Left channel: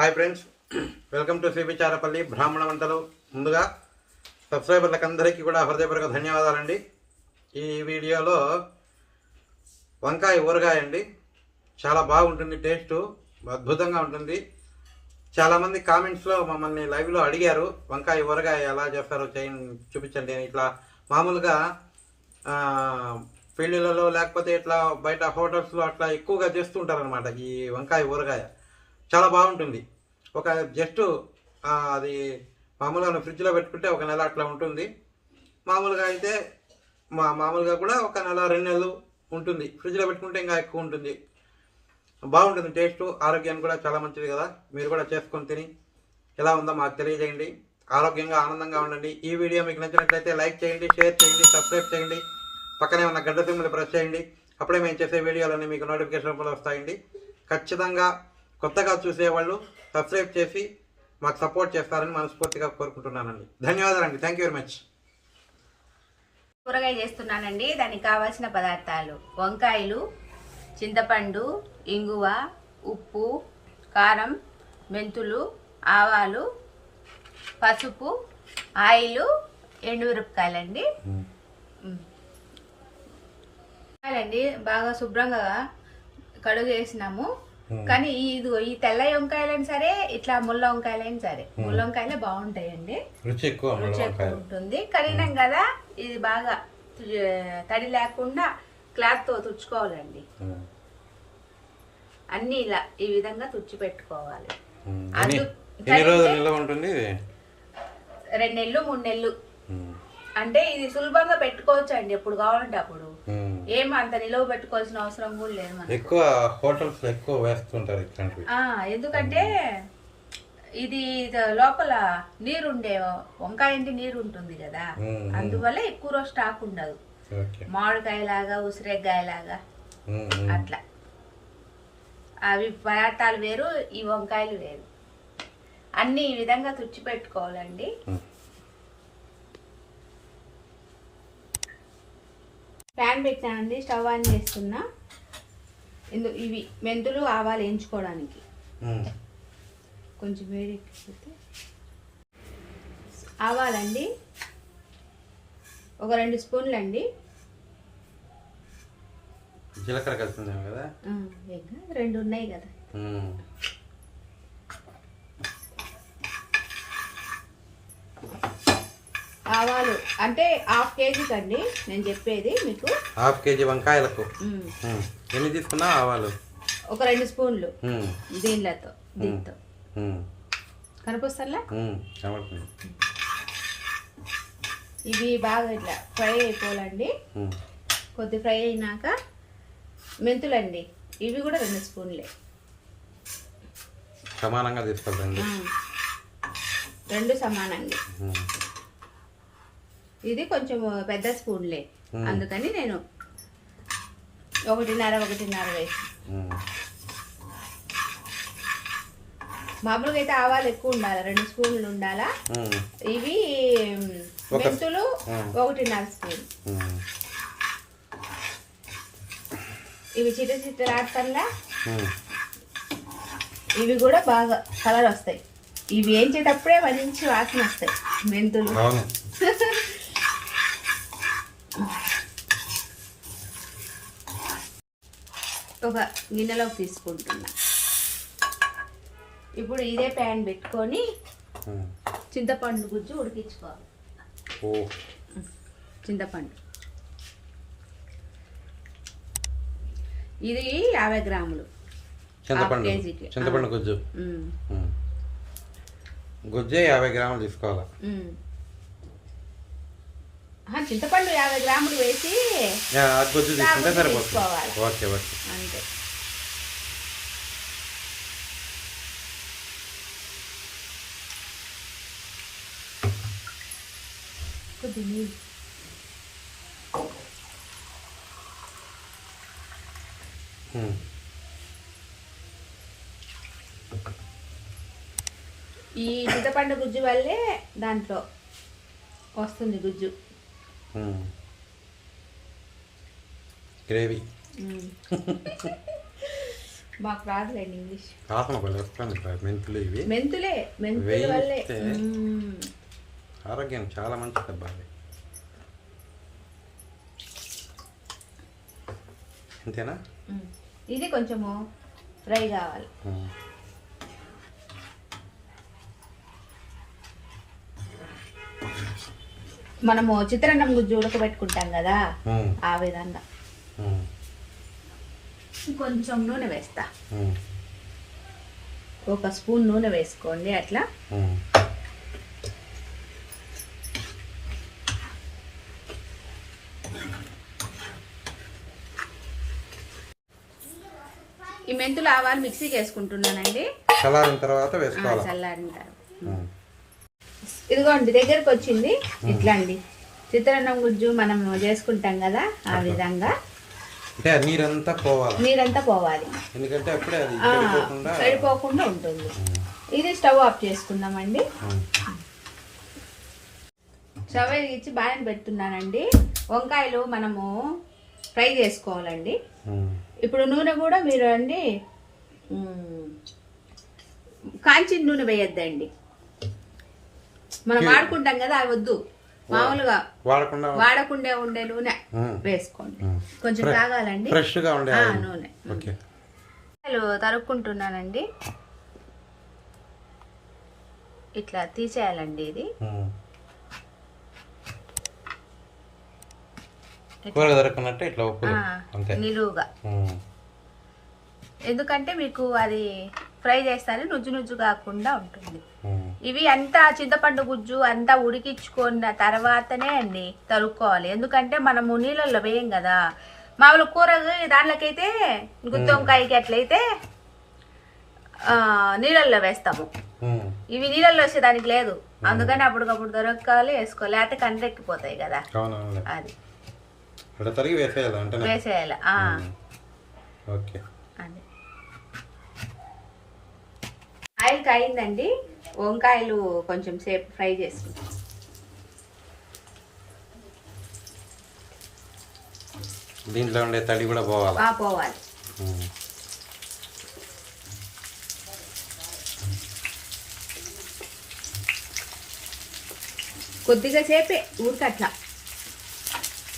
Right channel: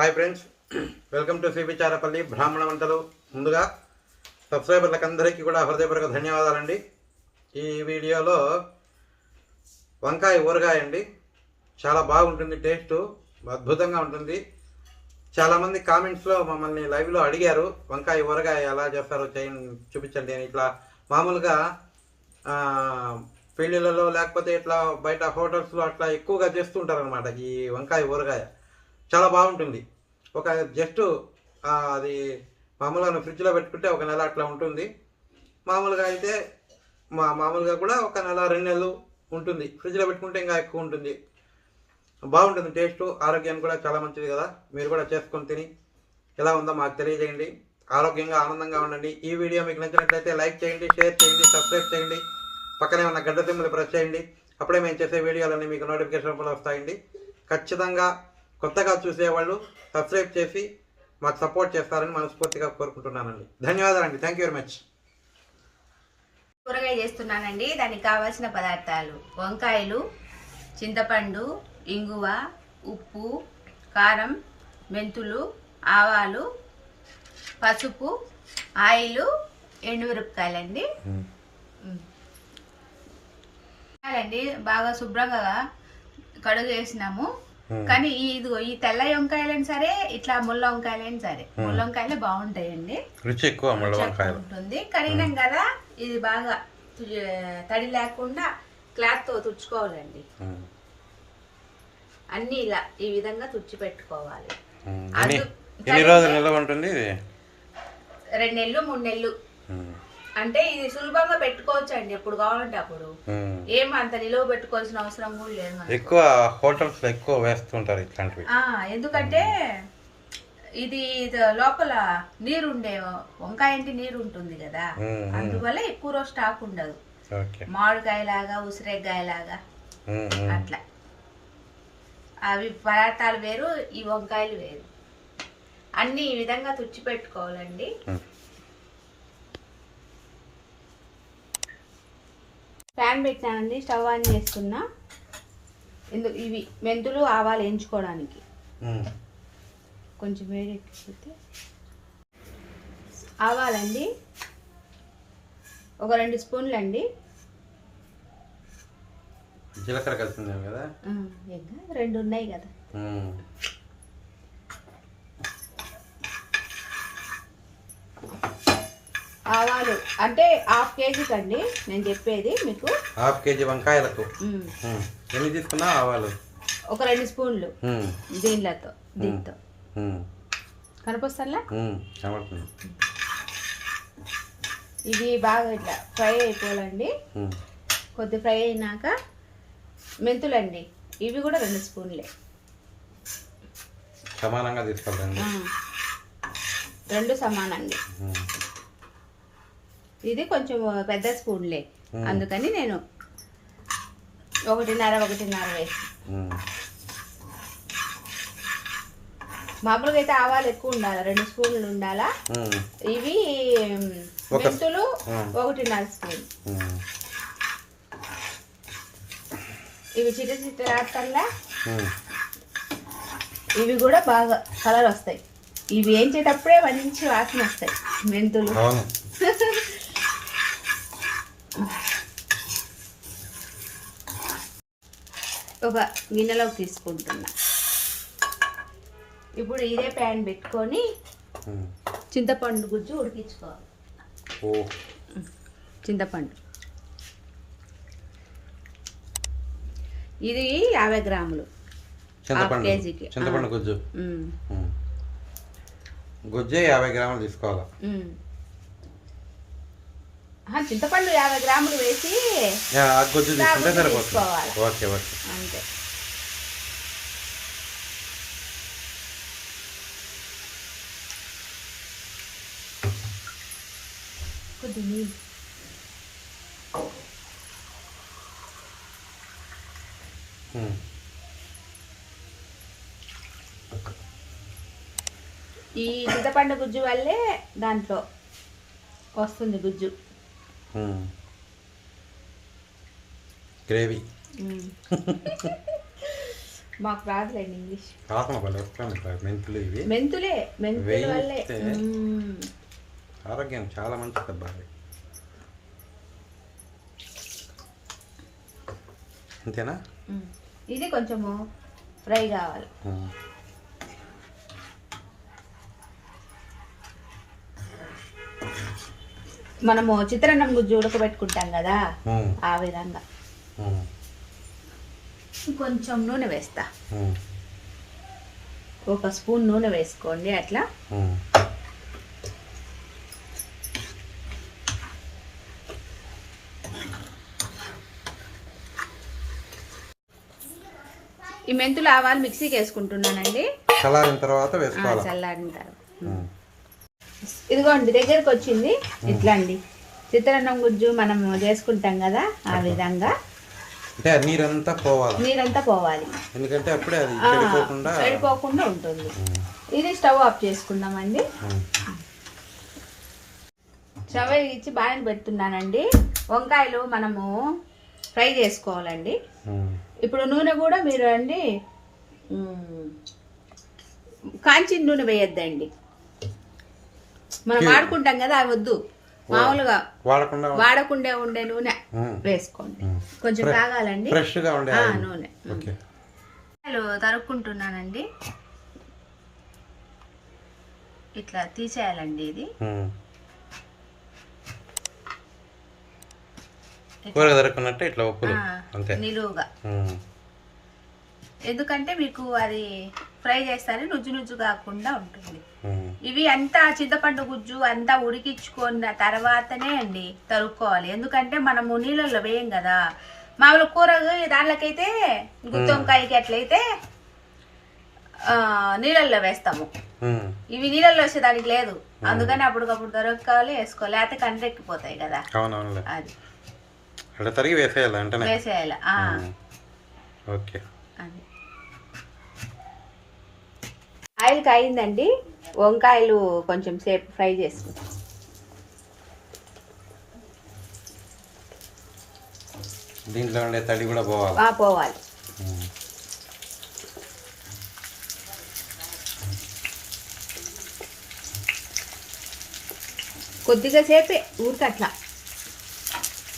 Hi friends, welcome to cbcharepalli బ్రాహ్మణవంతలు. ముందుగా సబ్స్క్రైబర్లకు అందరికీ కూడా హృదయపూర్వక ధన్యవాదాలండి. ఈ వీడియోలో వంకాయ ఊరగాయ అండి. చాలా బాగుంటుంది, టేస్ట్ అద్భుతంగా ఉంటుంది. చాలామంది కామెంట్స్లో మమ్మల్ని లైవ్లో అడిగారు వంకాయ ఊరగాయ ఎలా చేస్తారో చూపించండి అని. ఇట్లా మామూలుగా పెళ్ళిళ్ళలో లేకపోతే ఇట్లా బయట హోటల్స్లో అట్లా ఎక్కువగా చేస్తుంటారు అనమాట. ఈ వంకాయ ఊరగాయ చాలా బాగుంటుంది. ఒక జస్ట్ అది మామూలుగా ఫ్రిడ్జ్లో పెట్టుకుంటే ఒక నెల అట్లా ఉంటుంది. మామూలుగా అయితే మామూలుగా కూడా ఒక నెల 2 నెలలు ఉంటుంది. ఫ్రిడ్జ్లో పెట్టుకుంటే ఇంకా ఎక్కువ ఉంటుంది. బాగుంటుంది టేస్ట్, ఆరోగ్యానికి కూడా చాలా మంచిది కదా. మీరు కూడా చేసుకొని తిని ఎలా ఉందో మాకు తెలియజేయండి. ఆరోగ్యంగా ఆనందంగా ఉండండి. ఈ వీడియో మీకు నచ్చినట్లయితే లైక్ చేయండి, షేర్ చేయండి, సబ్స్క్రైబ్ చేయండి. పక్కనే ఉన్న గంట సింబల్ ప్రెస్ చేయండి. అప్పుడే మేము చేసే వీడియోలన్నీ మీకు నోటిఫికేషన్ రూపంలో వస్తాయండి. ఖచ్చితంగా కొత్తగా చూసేవాళ్ళు సబ్స్క్రైబ్ చేసి మాకు సపోర్ట్ చేస్తారని మనస్ఫూర్తిగా కోరుకుంటున్నానండి. ధన్యవాదాలండి. Thank you very much. ఊరగాయ చేస్తున్నానండి. దానికి కావాల్సిన పదార్థాలు: వంకాయలు, చింతపండు, ఇంగువ, ఉప్పు, కారం, మెంతులు, ఆవాలు, పసుపు, ఆయిల్, ఎండుమిరపకాయలండి. బాగా శుభ్రంగా కడుగేసినాము. కానీ ఈ తెల్ల వంకాయలైనా సరే, ఇట్లా ముళ్ళ వంకాయలైనా సరే, ముళ్ళ వంకాయలే బాగుంటాయండి, రుచి ఎక్కువ ఉంటుంది. కడిగినాం కదా, ఇది బాగా తడి లేకుండా క్లాత్ తో తుడుచుకోవాలండి. అన్ని ఇలా ఈ విధంగా తుడిచి పెట్టుకోవాలి. 2 నెలలు 3 నెలలు అంటే ఇది సులభంగా పెట్టుకోవచ్చు అండి. ఎప్పుడు కావాలంటే అప్పుడు. ఏం అంత నిలువ పెట్టుకోవాల్సిన అవసరం కూడా లేదు. ఎక్కువ హోటల్స్ లో ఎక్కువ వేస్తుంటారు ఇట్లాంటివి. ఎందుకంటే ఇది లోపల నీరుండే వంకాయ అంటే నీరు ఉంటుంది కదా, అందువల్ల ఎక్కువ రోజు స్టాక్ ఉండదు. మామిడికాయ లాగా, ఉసిరికాయ లాగా అట్లా. అవి పదార్థాలు వేరు, ఈ వంకాయలు వేరు. అన్ని ఈ విధంగా తుడిచి పెట్టుకోవాలండి. ప్యాన్ పెట్టానండి, స్టవ్ ఆన్ చేస్తున్నా. ఇవి మెంతులు, ఆవాలు వేయించుకోవడానికి. కొంచెం వేడి ఎక్కిపోతే ఆవాలండి ఒక 2 స్పూన్లు అండి. జీలకర్ర కలిసింది కదా, 2 ఉన్నాయి కదా. ఆవాలు అంటే 1/2 కేజీకి అండి నేను చెప్పేది మీకు. 1/2 కేజీ వంకాయలకు ఎన్ని తీసుకున్నా ఆవాలు? ఒక 2 స్పూన్లు దీంతో కనిపిస్తలా. ఇవి బాగా ఇట్లా ఫ్రై అయిపోవాలండి. కొద్ది ఫ్రై అయినాక మెంతులండి, ఇవి కూడా 2 స్పూన్లే సమానంగా తీసుకోవాలండి. 2 సమానంగా. ఇది కొంచెం పెద్ద స్పూన్లే, అందుకని నేను 1.5 వేసి. మామూలుగా అయితే ఆవాలు ఎక్కువ ఉండాలి, 2 స్పూన్లు ఉండాలా. ఇవి మెంతులు 1.5 స్పూన్. ఇవి చిట్టచిట్టలా. ఇవి కూడా బాగా కలర్ వస్తాయి. ఇవి వేయించేటప్పుడే మంచి వాసన వస్తాయి మెంతులు. ఒక గిన్నెలోకి తీసుకుంటున్నా. ఇప్పుడు ఇదే ప్యాన్ పెట్టుకొని చింతపండు గుజ్జు ఉడికించుకోవాలి. చింతపండు ఇది 50 గ్రాములు కేజీకి. చింతపండు గుజ్జు గుజ్జే 50 గ్రాములు తీసుకోవాలా? చింతపండు 50 గ్రాములు వేసి గుజ్జు తీసుకుంటే సరిపోతుంది. ఓకే ఓకే, అంతే. ఈ చింతపండు గుజ్జు వల్లే దాంట్లో వస్తుంది గుజ్జు. గ్రేవీ మాకు రాదులేండి ఇంగ్లీష్. వాసన పళ్ళు వస్తుంది మెంతులు. ఇవి మెంతులే, మెంతుల వల్లే ఆరోగ్యం చాలా మంచిది అబ్బా. అంతేనా? ఇది కొంచెము ఫ్రై కావాలి. మనము చిత్రాన్నం గుజ్జు ఉడకబెట్టుకుంటాం కదా, ఆ విధంగా. కొంచెం నూనె వేస్తా, 1 స్పూన్ నూనె వేసుకోండి. అట్లా ఈ మెంతులు ఆవాలు మిక్సీకి వేసుకుంటున్నానండి. చల్లారిన తర్వాత వేసుకోవాలి. చల్లారిన తర్వాత ఇదిగోండి దగ్గరకు వచ్చింది. ఇట్లా అండి చిత్రాన్నం గుజ్జు మనం చేసుకుంటాం కదా, ఆ విధంగా. అంటే నీరంతా పోవాలి, ఎందుకంటే అప్పుడే అది చెడిపోకుండా ఉంటుంది. ఇది స్టవ్ ఆఫ్ చేసుకుందామండి. స్టవ్ ఇచ్చి బాగా పెడుతున్నానండి. వంకాయలు మనము ఫ్రై చేసుకోవాలండి. ఇప్పుడు నూనె కూడా మీరు అండి కాంచిన నూనె వేయొద్దండి. మనం వాడుకుంటాం కదా, వద్దు. మామూలుగా వాడకుండా ఉండే నూనె వేసుకోండి. కొంచెం తాగాలండి నూనె. తరుక్కుంటున్నానండి. ఇట్లా తీసేయాలండి. ఇది నిలువుగా, ఎందుకంటే మీకు అది ఫ్రై చేస్తానే నుజ్జు నుజ్జు కాకుండా ఉంటుంది. ఇవి అంతా చింతపండు గుజ్జు అంతా ఉడికించుకున్న తర్వాతనే అండి తరుక్కోవాలి. ఎందుకంటే మనము నీళ్ళల్లో వేయం కదా. మామూలు కూర దాంట్లోకైతే గుత్తి వంకాయకి అట్లయితే నీళ్ళల్లో వేస్తాము. ఇవి నీళ్ళల్లో వేసేదానికి లేదు, అందుకని అప్పటికప్పుడు దొరకాలి, వేసుకోవాలి, లేకపోతే కండ్రెక్కిపోతాయి కదా. అది వేసేయాలి. ఆయిల్ కాయిందండి. వంకాయలు కొంచెం సేపు ఫ్రై చేసుకుంటాం. దీంట్లో ఉండే తడి కూడా పోవాలి. కొద్దిగా సేపే ఊరికట్లా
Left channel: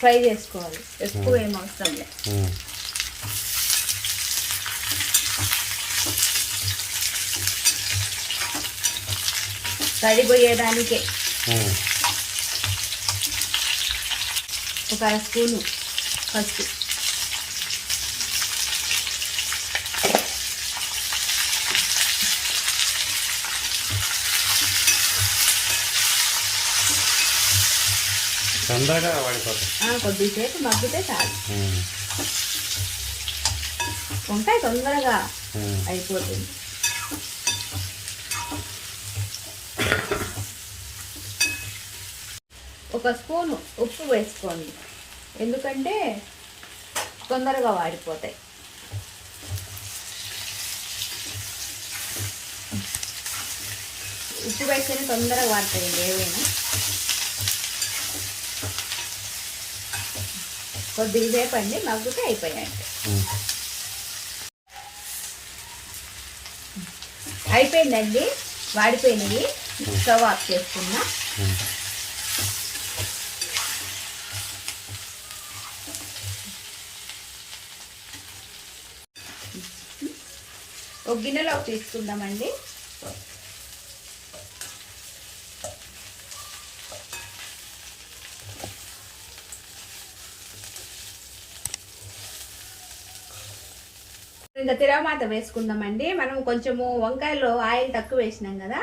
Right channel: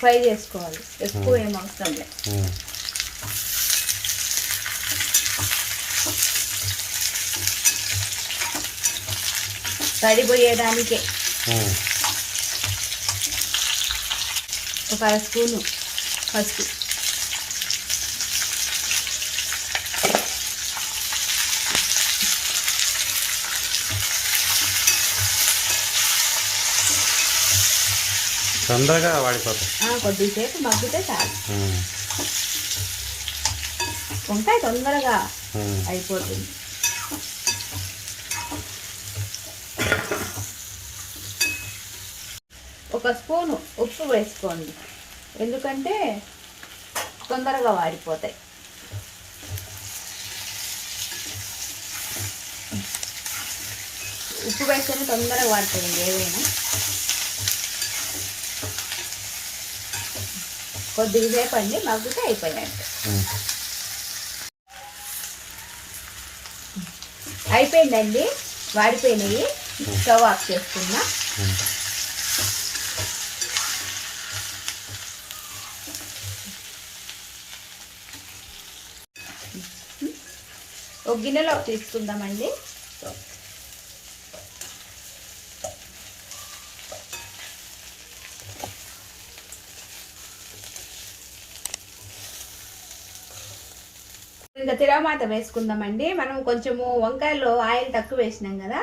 ఫ్రై చేసుకోవాలి, ఎక్కువ ఏం అవసరం లేదు. తడిపోయేదానికే 1 స్పూను పసుపు, తొందరగా వాడిపోతాయి. కొద్దిసేపు మగ్గితే చాలు. వంకాయ తొందరగా అయిపోతుంది. ఒక స్పూను ఉప్పు వేసుకోండి, ఎందుకంటే తొందరగా వాడిపోతాయి. ఉప్పు వేసుకొని తొందరగా వాడుతుంది ఏదైనా. కొద్దిగా సేపు అండి మగ్గితే అయిపోయినట్టు. అయిపోయిందండి, వాడిపోయినవి. స్టవ్ ఆఫ్ చేసుకున్నా. ఒక గిన్నెలో తీసుకుందామండి. ఇంకా తిరగమాత వేసుకుందామండి. మనం కొంచెము వంకాయలో ఆయిల్ తక్కువ వేసినాం కదా,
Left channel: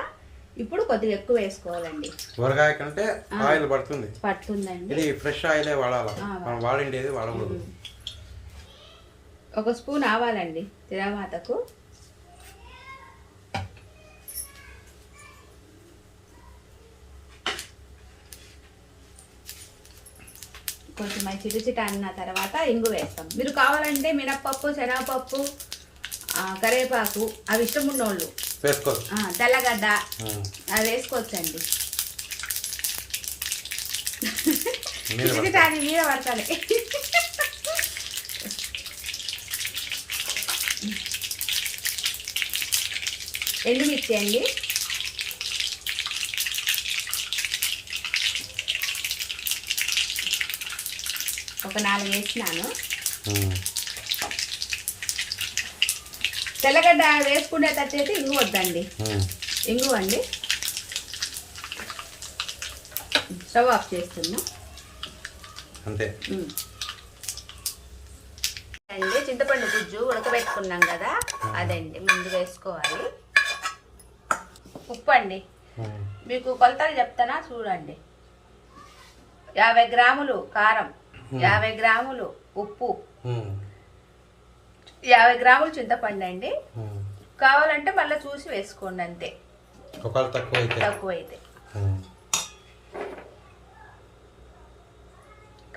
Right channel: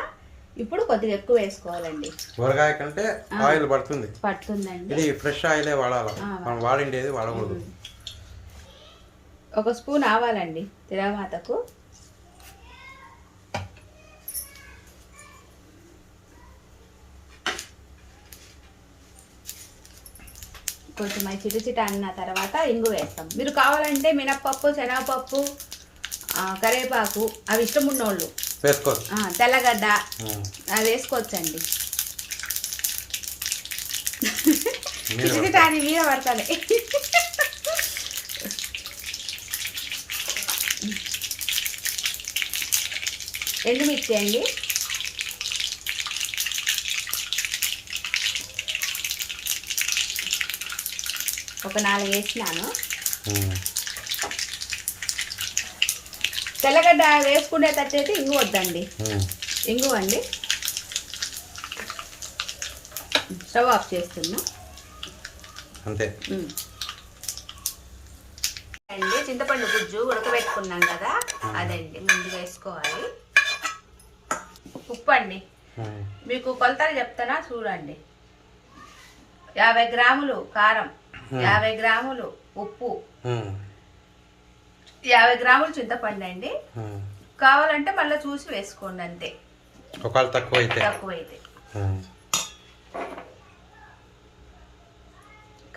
ఇప్పుడు కొద్దిగా ఎక్కువ వేసుకోవాలండి. ఊరగాయ కంటే ఆయిల్ పడుతుందండి. ఇది ఫ్రెష్ ఆయిలే వాడాలి, మనం వాడిండేది వాడకూడదు. 1 స్పూన్ ఆవాలండి తిరగమాతకు. కొంచెం చిటచిట అన్న తర్వాత ఇంగువ వేస్తాం. మీరు కావాలంటే మినప్పప్పు, శనగపప్పు, కరివేపాకు అవి ఇష్టం ఉన్నోళ్ళు వేసుకోవచ్చు. తెల్లగడ్డ అది వేసుకోవచ్చండి. చిటచిట అని మీద పడతాయి. ఎండుమిర్చి అండి, ఒక 4 వేసినాను. తెల్లగడ్డ వేసుకునేటట్టయితే ఇంగు వద్దండి, ఇంగు అండి. స్టవ్ ఆఫ్ చేస్తున్నా అంతే అండి. చింతపండు గుజ్జు ఉడకబెట్టుకున్నాం కదా, అదండి ముందు వేసుకోవాలి. ఉప్పు అండి, మీకు కొలతలు చెప్తానా చూడండి. 50 గ్రాములు కారం, 50 గ్రాములు ఉప్పు, 50 గ్రాములు చింతపండు అండి. కావాలంటే మళ్ళీ చూసి వేసుకోండి అంతే, ఒకవేళ తక్కువైతే.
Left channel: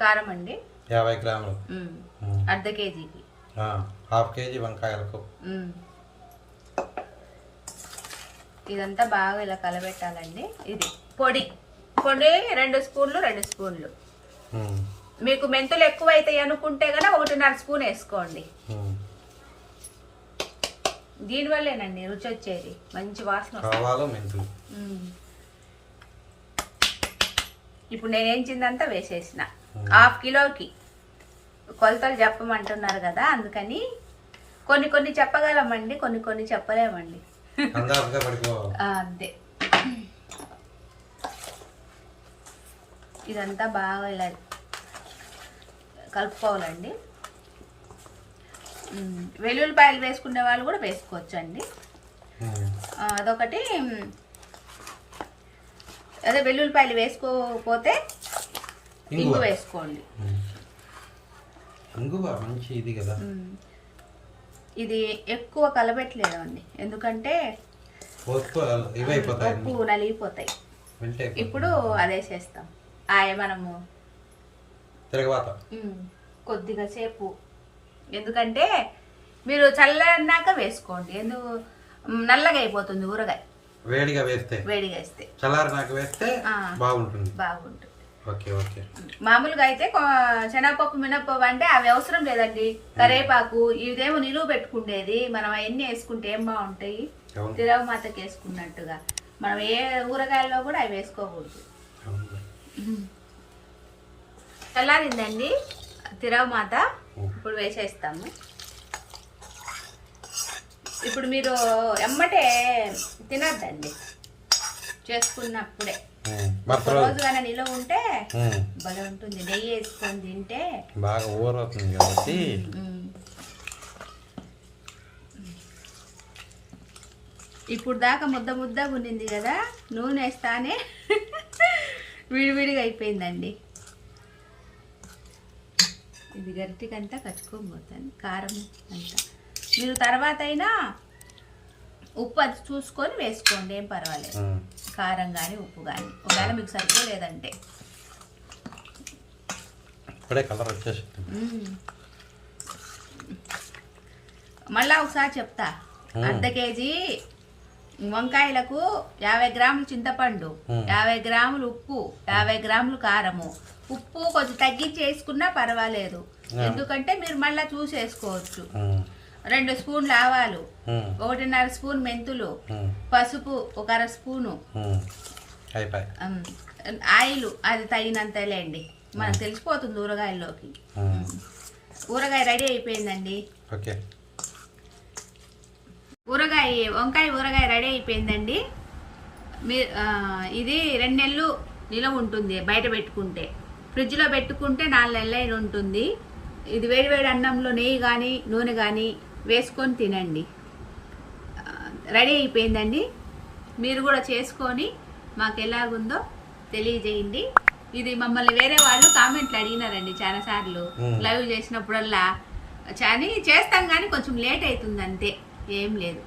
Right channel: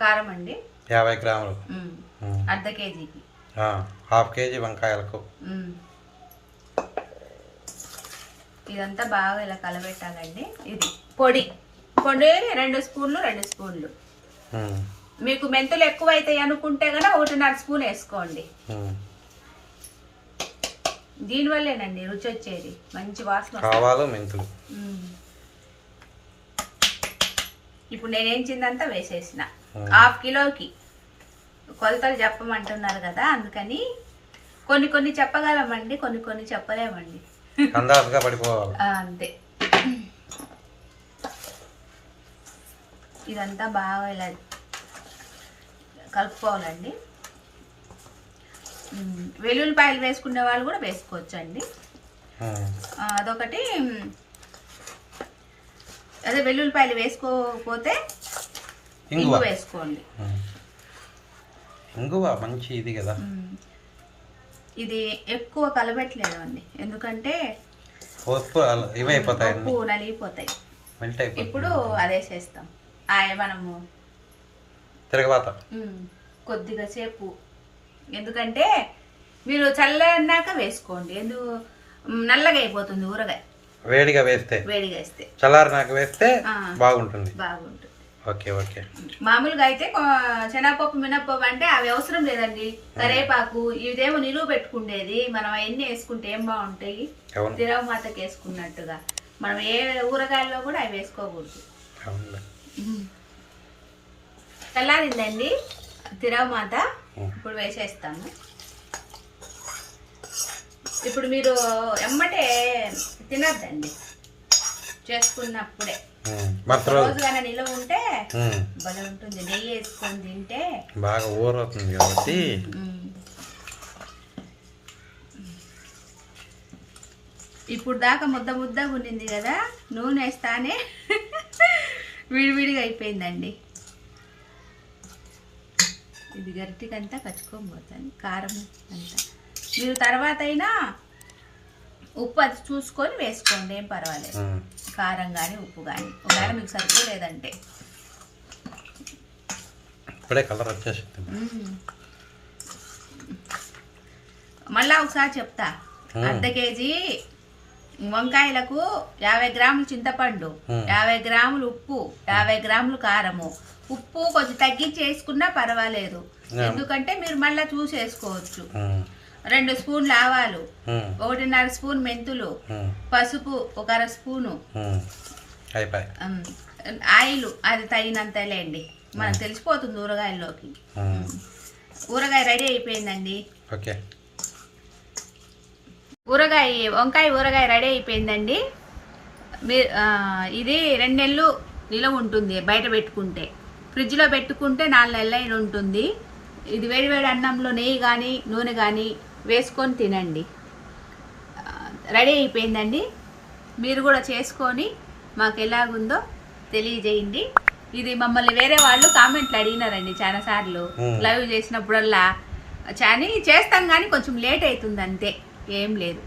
కారం అండి 50 గ్రాములు, అర్ధ కేజీకి 1/2 కేజీ వంకాయలకు. ఇదంతా బాగా ఇలా కలబెట్టాలండి. ఇది పొడి 2 స్పూన్లు. మీకు మెంతులు ఎక్కువ అవుతాయి అనుకుంటే కనుక 1.5 స్పూన్ వేసుకోండి. దీనివల్లేనండి రుచి వచ్చేది, మంచి వాసన. ఆవాలు, మెంతులు. ఇప్పుడు నేనేంచిందంతా వేసేసిన. 1/2 కిలోకి కొలతలు చెప్పమంటున్నారు కదా, అందుకని కొన్ని చెప్పగలమండి, కొన్ని చెప్పలేమండి. అందాజుగా పడిపోవాలి అంతే. ఇదంతా బాగా ఇలా కలుపుకోవాలండి. వెల్లుల్లిపాయలు వేసుకునే వాళ్ళు కూడా వేసుకోవచ్చు అండి. అదొకటి. అదే వెల్లుల్లిపాయలు వేసుకోకపోతే ఇంగు వేసుకోండి. ఇంగువ మంచి ఇది కదా. ఇది ఎక్కువ కలబెట్టలేదు అండి, ఎందుకంటే ఉప్పు నలిగిపోతాయి. ఇప్పుడు అదేసేస్తాం. మనము తిరగబాత కొద్దిగా సేపు, ఎందుకంటే మీరు చల్లన్నాక వేసుకోండి, ఎందుకు నల్లగా అయిపోతుంది ఊరగాయ. వేడిగా వేస్తే చల్లారినాక వేస్తే బాగుంటుంది. ఓకే. మామూలుగా అయితే శనగపప్పు, మినపప్పు అంటే అవి అవసరం లేదండి. కరేపాకు ఇదేమో నిలువ పెట్టుకుండేది, మనం అవన్నీ వేసుకుంటే ఏం బాగుంటాయి, తిరగమాతకి వేసుకున్నట్టుగా. మనం ఏ ఊరగాయల్లో కూడా అవి వేసుకోకూడదు. చల్లారిందండి తిరగమాత, ఇప్పుడు వేసేస్తాము. ఇప్పుడు మీరు ఎమ్మటే తినద్దండి, చేసుకున్నప్పుడే. రోజుగానే నిలువ ఉంటే భలే ఉంటుంది. నెయ్యి వేసుకొని తింటే బాగా ఊరవుతుంది కాబట్టి. ఇప్పుడు దాకా ముద్దగా ఉండింది కదా, నూనె వేస్తానే విడివిడిగా అయిపోయిందండి. ఇది గరిటికంతా కచ్చుకోబోతుంది కారం అంతా. మీరు తర్వాత అయినా ఉప్పు అది చూసుకొని వేసుకోండి, ఏం పర్వాలేదు. కారం కానీ ఉప్పు కానీ ఒకవేళ మీకు సరిపోలేదంటే. ఇప్పుడే కలర్ వచ్చేసింది. మళ్ళా ఒకసారి చెప్తా. అర్ధ కేజీ వంకాయలకు 50 గ్రాములు చింతపండు, 50 గ్రాములు ఉప్పు, 50 గ్రాములు కారము. ఉప్పు కొంచెం తగ్గించి వేసుకున్నా పర్వాలేదు, ఎందుకంటే మీరు మళ్ళా చూసి వేసుకోవచ్చు. 2 స్పూన్లు ఆవాలు, 1.5 స్పూన్ మెంతులు, పసుపు 1/2 స్పూను, ఆయిల్ అది తగినంతలేండి, మనకు తెలిసిపోతుంది ఊరగాయల్లోకి. ఊరగాయ రెడీ అయిపోయిందండి. వంకాయ ఊరగాయ రెడీ అయిపోయిందండి. ఇది 2 నెలలు నిలవ ఉంటుంది, బయట పెట్టుకుంటే. ఫ్రిడ్జ్లో పెట్టుకుంటే 4 నెలలు అయిన ఉంటుంది. ఇది వేడివేడి అన్నంలో నెయ్యి కానీ నూనె కానీ వేసుకొని తినండి. రెడీ అయిపోయిందండి. మీరు కూడా చేసుకొని మాకు ఎలాగుందో తెలియజేయండి. ఇది మమ్మల్ని వేరే వాళ్ళు కామెంట్లు అడిగినారండి చాలాసార్లు, లైవ్ చేసినప్పుడల్లా. చేస్తాం కానీ కొంచెం లేట్ అవుతుంది అంతే, ఏం లేదు.